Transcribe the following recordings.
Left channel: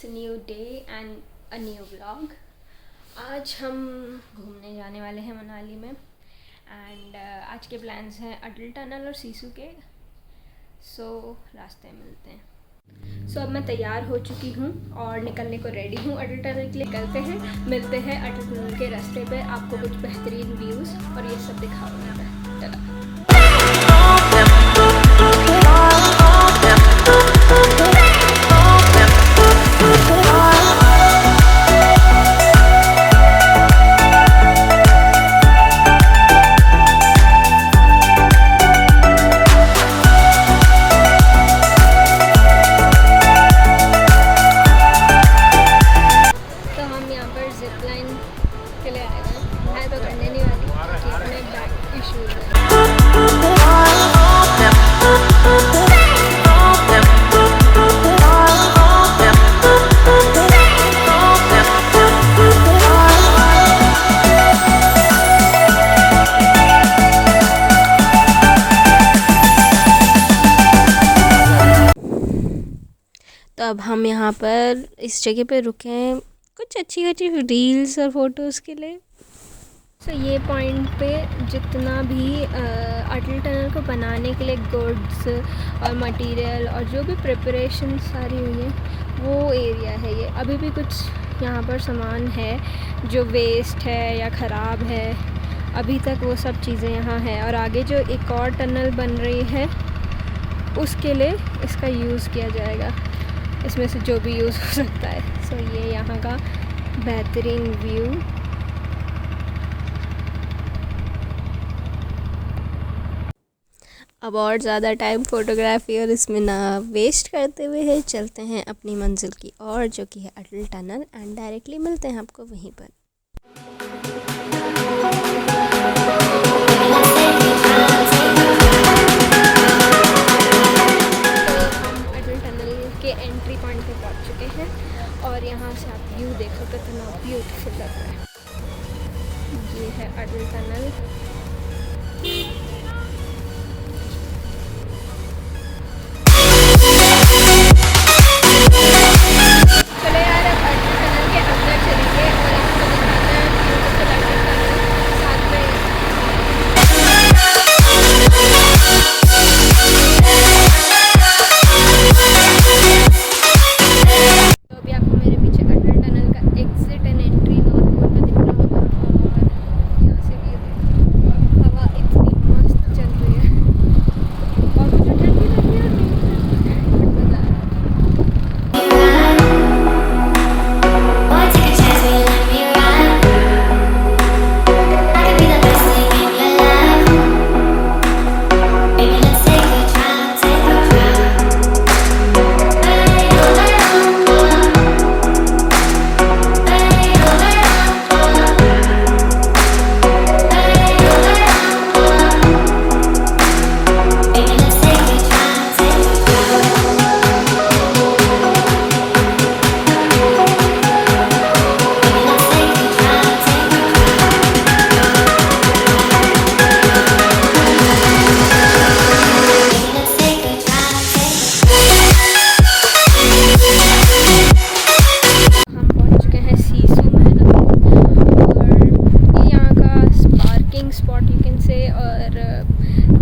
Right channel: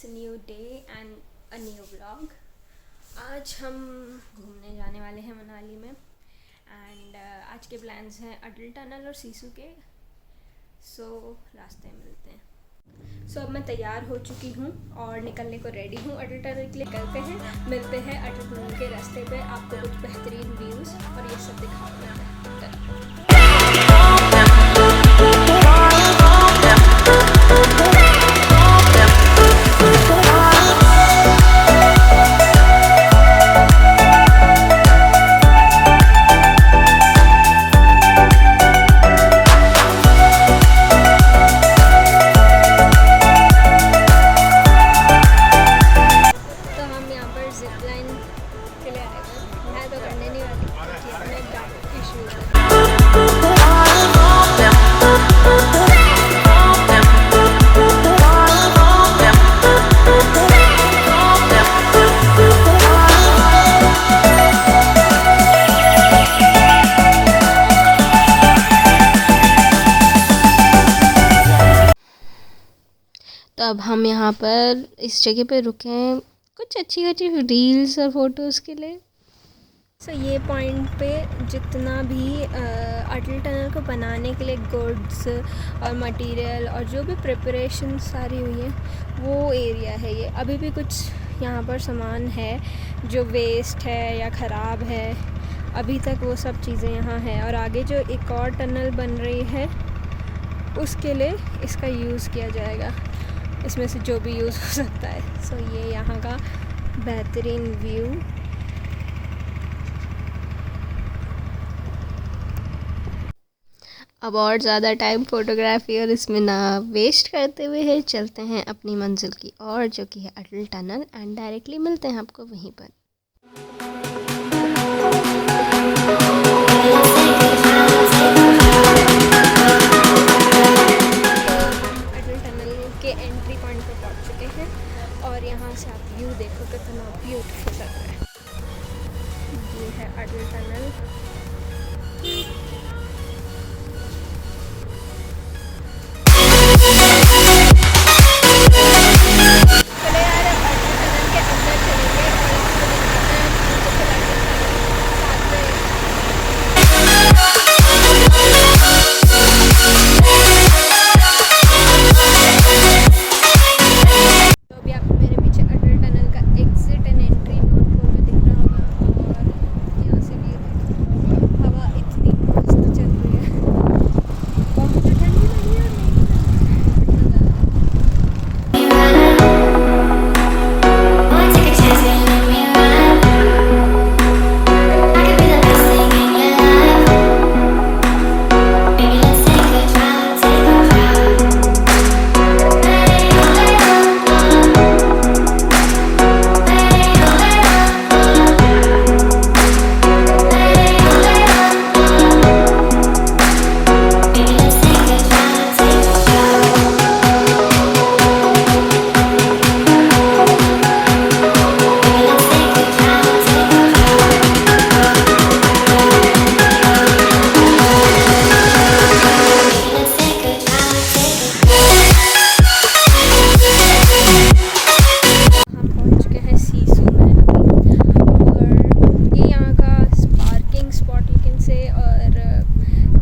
It's new day and a new vlog. आज हम घूमने जाने वाले हैं मनाली में एंड आज के प्लान्स हैं अटल टनल और सिसु के। सो रास्ते में मिलते हैं। सो अब मैं तैयार हो चुकी हूँ और निकलने को रेडी हूँ। अटल टनल के लिए निकलते हैं, मिलते हैं अटल टनल के रास्ते पे। आपको कुछ बेहतरीन व्यूज़ और ये सब दिखाऊंगा मैं। तो अब हम यहाँ पर इस जगह पे रुके हैं कुछ अच्छी अच्छी रील्स और फ़ोटोज़ के लिए। सो ये पॉइंट पे जितना भी अटल टनल को बनाने के लिए गुड्स और मटेरियल और जो भी प्रिपरेशन सारी हुई है वो एरिया है ये। अभी भी कुछ यहाँ पर सामान है जो वेस्ट है या ख़राब है, अभी तक वो सब चीज़ें यहाँ हैं। और आगे जो एक और टनल बन रही है उसके लिए इसका यूज़ किया जाएगा, इसमें से जो भी यूज़ हो सकता है। सो ये यहाँ का बेहतरीन व्यू। अब और ज़्यादा टाइम फ़ोटोग्राफी और इसमें ना वेस्ट करते हुए है चलते हैं अपनी मंजिल की ओर, जो कि है अटल टनल। एंड डायरेक्टली मिलते हैं आपको वहीं पर। के एंट्री पॉइंट पे पहुंच चुके हैं और यहाँ से आप व्यू देखो कितना ब्यूटीफुल लग रहा है। ये है अटल टनल। चलो यार, अब अटल टनल के अंदर चलेंगे और आपको दिखाते हैं ब्यूटीफुल अटल टनल साथ में।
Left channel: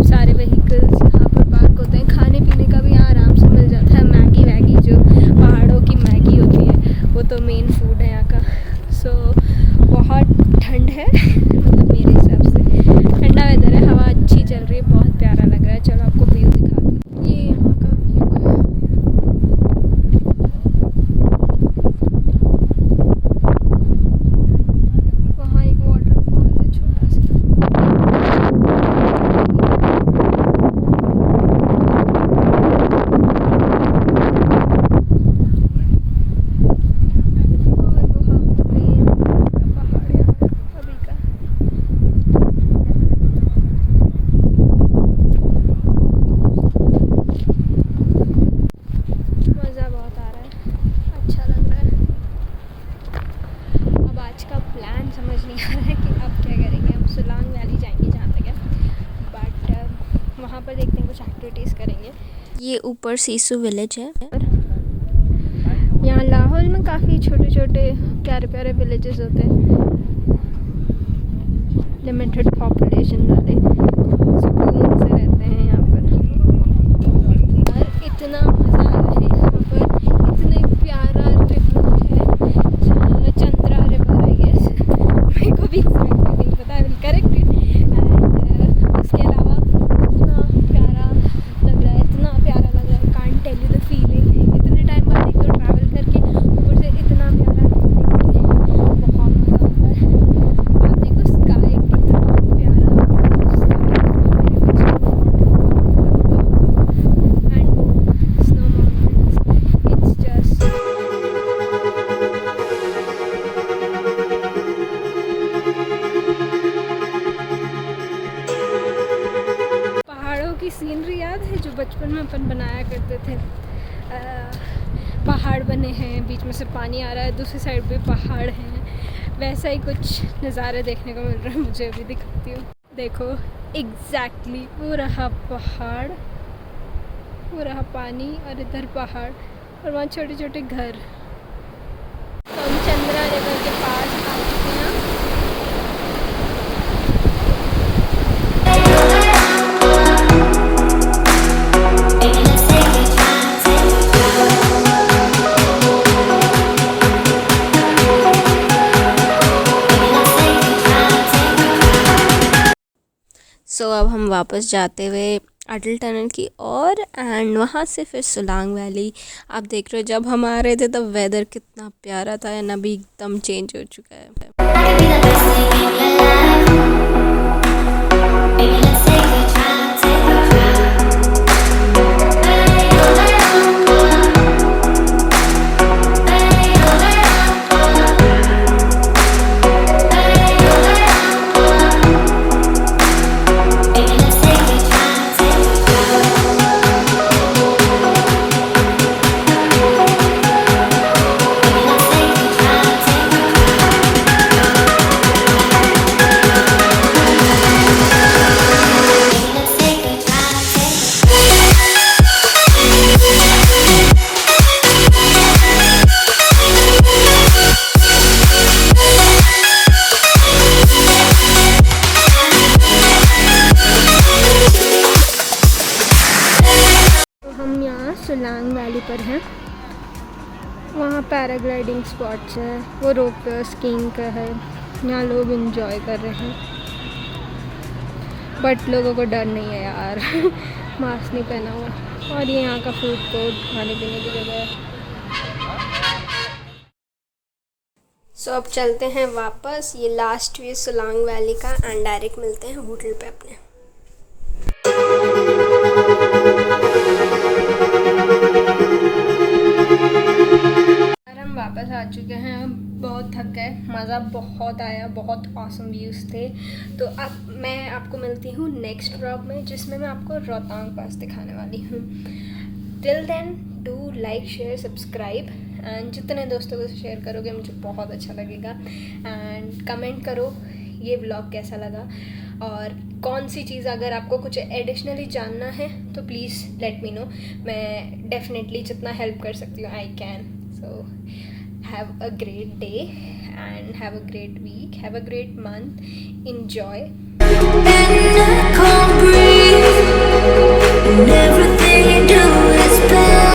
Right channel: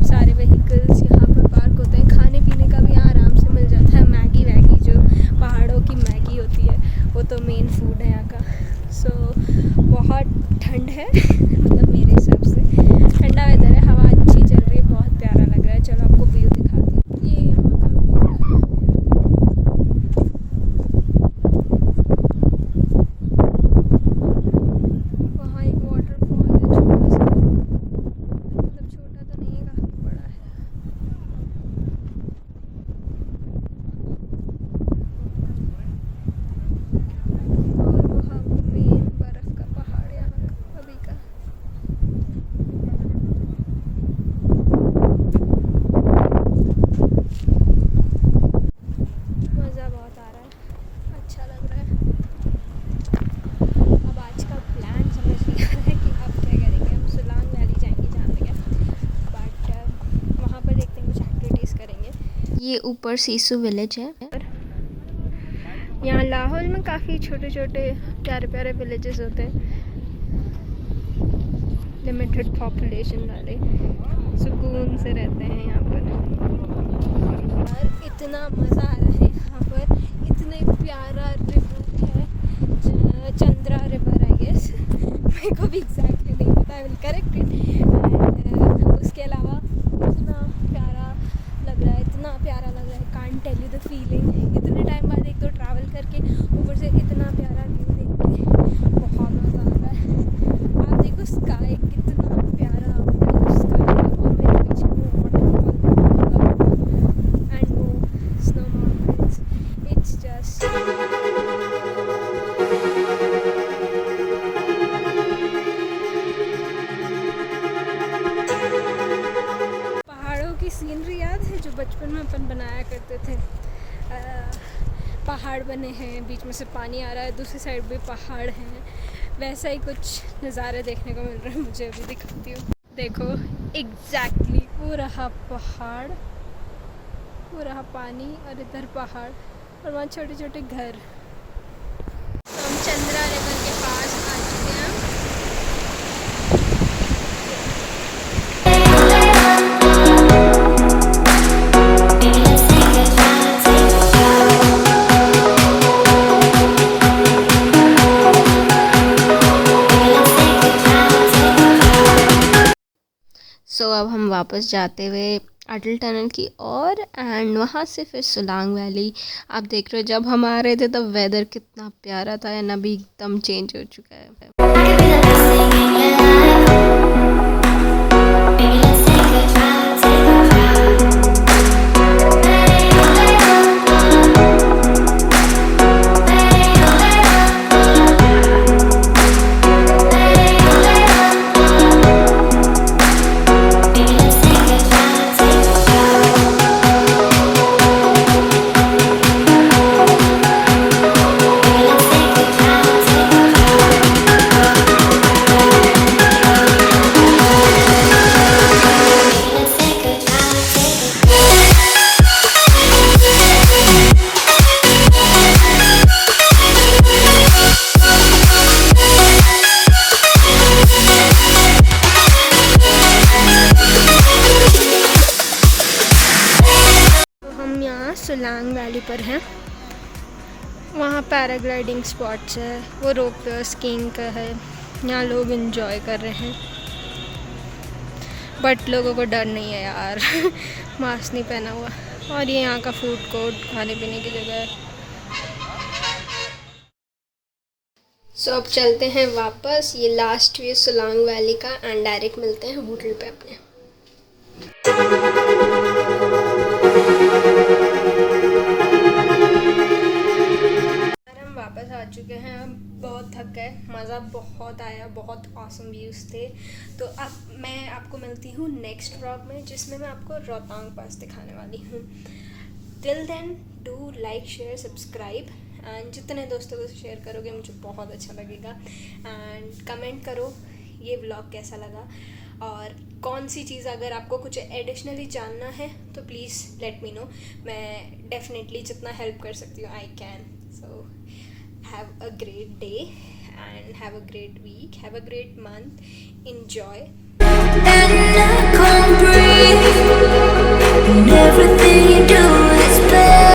सारे व्हीकल्स यहाँ पर पार्क होते हैं। खाने पीने का भी यहाँ आराम से मिल जाता है। मैगी वैगी जो पहाड़ों की मैगी होती है वो तो मेन फूड है यहाँ का। सो बहुत ठंड है मतलब मेरे हिसाब से ठंडा वेदर है, हवा अच्छी चल रही है, बहुत प्यारा लग रहा है। चलो आपको व्यू दिखाती हूँ। ये यहाँ का व्यू है। वहाँ एक वाटरफॉल है छोटा सा। सोलांग वैली जाएंगे जहाँ तक है, बट वहाँ पर देखते हैं कुछ एक्टिविटीज़ करेंगे। ये ऊपर सिसु विलेज है। यहाँ लाहौल में काफ़ी छोटे छोटे प्यारे प्यारे विलेजेस होते हैं, लिमिटेड पॉपुलेशन वाले, सुकून से रहते हैं यहाँ पर। और इतना मज़ा आ रहा है यहाँ पर, इतने प्यारा रिवर है, चंद्रा रिवर आई गेस, मेरे को भी एग्जैक्टली नहीं पता, I will correct it. And उसके अलावा इतना प्यारा लग रहा है, इतना प्यारा लग रहा है, can't tell you the feeling. इतने टाइम बाद एक तो ट्रैवल करके ऊपर से इतना प्यारा व्यू देख के बहुत मज़ा आता है। आप देखो स्काई कितना प्यारा स्काई, एंड वो स्नो माउंटेन्स, इट्स जस्ट पहाड़ों की सीनरी याद है जो बचपन में अपन बनाया करते थे। पहाड़ बने हैं, बीच में से पानी आ रहा है, दूसरी साइड भी पहाड़ हैं, वैसा ही कुछ नज़ारे देखने को मिल रहा है मुझे। अभी दिखाती हूँ, देखो एग्जैक्टली वो रहा पहाड़, वो रहा पानी, और इधर पहाड़, और वहाँ छोटे छोटे घर। तो हम चंद्रा रिवर के पास आ चुके हैं। सो अब हम वापस जाते हुए अटल टनल की ओर, एंड वहाँ से फिर सोलांग वैली। आप देख रहे हो जब हम आ रहे थे तब वेदर कितना प्यारा था, एंड अभी एकदम चेंज हो चुका है। सोलांग वैली पर हैं, वहाँ पैराग्लाइडिंग स्पॉट्स है, वो रोप स्कीइंग का है, यहाँ लोग एंजॉय कर रहे हैं, बट लोगों को डर नहीं है यार मास्क नहीं पहना हुआ। और ये यहाँ का फूड कोर्ट, खाने पीने की जगह है। सो अब चलते हैं वापस, ये लास्ट व्यू सोलांग वैली का, एंड डायरेक्ट मिलते हैं होटल पे अपने। वापस आ चुके हैं, हम बहुत थक गए, मज़ा बहुत आया, बहुत ऑसम व्यूज़ थे। तो अब मैं आपको मिलती हूँ नेक्स्ट व्लॉग में, जिसमें मैं आपको रोहतांग पास दिखाने वाली हूँ। Till then do like share subscribe, and जितने दोस्तों को शेयर करोगे मुझे बहुत अच्छा लगेगा। एंड कमेंट करो ये व्लॉग कैसा लगा, और कौन सी चीज़ अगर आपको कुछ एडिशनली जानना है तो प्लीज़ लेट मी नो। मैं डेफिनेटली जितना हेल्प कर सकती हूँ I can. So have a great day and have a great week, have a great month, enjoy. And I can't breathe and everything